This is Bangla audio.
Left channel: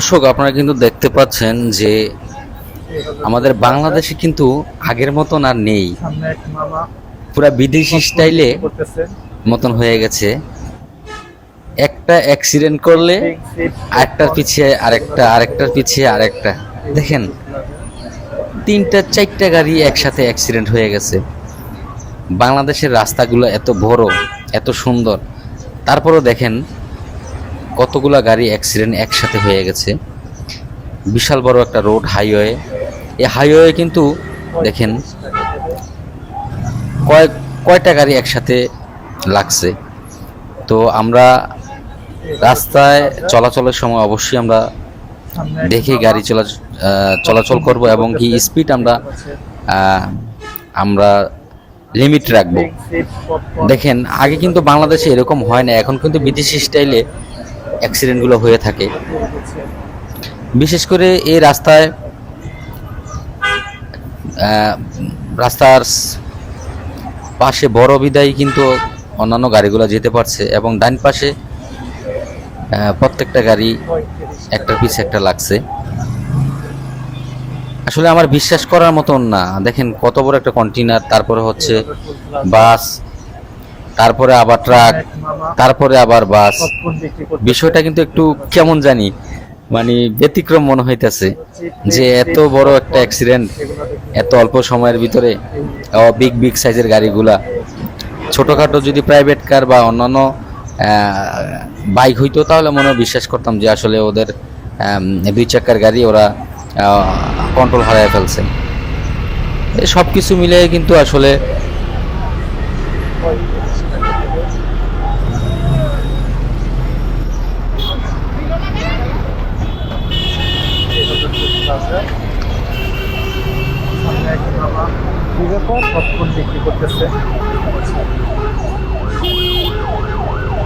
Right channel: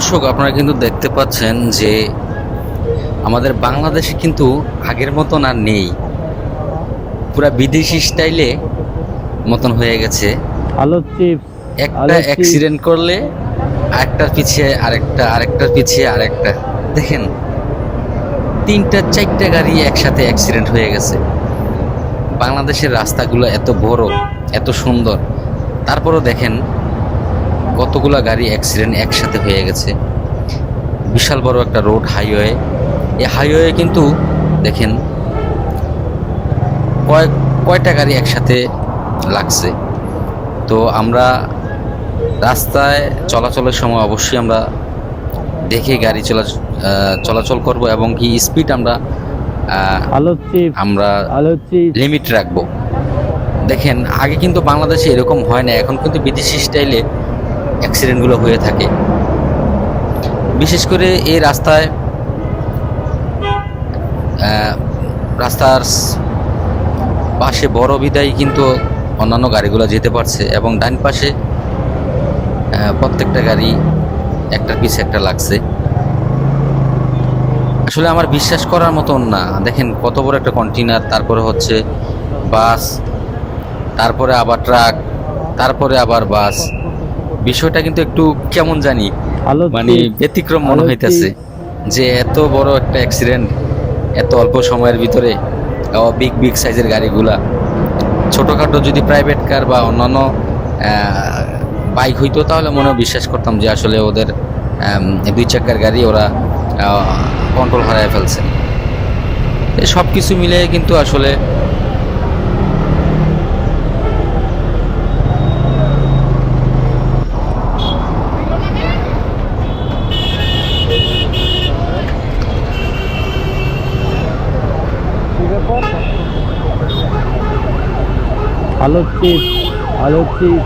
দর্শক আপনারা কিন্তু দেখতে পাচ্ছেন যে আমাদের বাংলাদেশে কিন্তু আগের মতন আর নেই। পুরা বিদেশি স্টাইলে মতন হয়ে গেছে। একটা অ্যাক্সিডেন্ট করলে আরেকটার পিছিয়ে আরেকটা আরেকটার পিছিয়ে আরেকটা। দেখেন তিনটা চারটা গাড়ি একসাথে অ্যাক্সিডেন্ট হয়ে গেছে। বাংলাদেশের রাস্তাগুলো এত বড় এত সুন্দর। তারপরও দেখেন কতগুলা গাড়ি অ্যাক্সিডেন্ট একসাথে হয়ে গেছে। বিশাল বড় একটা রোড হাইওয়ে এই হাইওয়ে কিন্তু দেখেন কয়েক কয়টা গাড়ি একসাথে লাগছে। তো আমরা রাস্তায় চলাচলের সময় অবশ্যই আমরা দেখে গাড়ি চলা চলাচল করব এবং কি স্পিড আমরা আমরা লিমিট রাখব। দেখেন আগে কিন্তু বাংলাদেশে এরকম হয় না এখন কিন্তু বিদেশি স্টাইলে অ্যাক্সিডেন্টগুলো হয়ে থাকে। বিশেষ করে এই রাস্তায় রাস্তার পাশে বড় বিদায় কিন্তু অন্যান্য গাড়িগুলো যেতে পারছে এবং ডান পাশে প্রত্যেকটা গাড়ি একটা পিছে একটা লাগছে। আসলে আমার বিশ্বাস করার মতন না। দেখেন কত বড় একটা কন্টেনার তারপরে হচ্ছে বাস, তারপরে আবার ট্রাক, তারপরে আবার বাস। বিষয়টা কিন্তু একটু কেমন জানি মানে ব্যতিক্রম মনে হইতেছে যে এত বড় একটা অ্যাক্সিডেন্ট এত অল্প সময়ের ভিতরে বিগ বিগ সাইজের গাড়িগুলা। ছোটোখাটো যদি প্রাইভেট কার বা অন্যান্য বাইক হইতো তাহলে মনে হয় বিশ্বাস করতাম যে আসলে ওদের দুই চাকার গাড়ি ওরা কন্ট্রোল হারায় ফেলছে। সব কিছু মিলে কিন্তু আসলে ব্যাপার? ভালো চিপ ভালো চিপ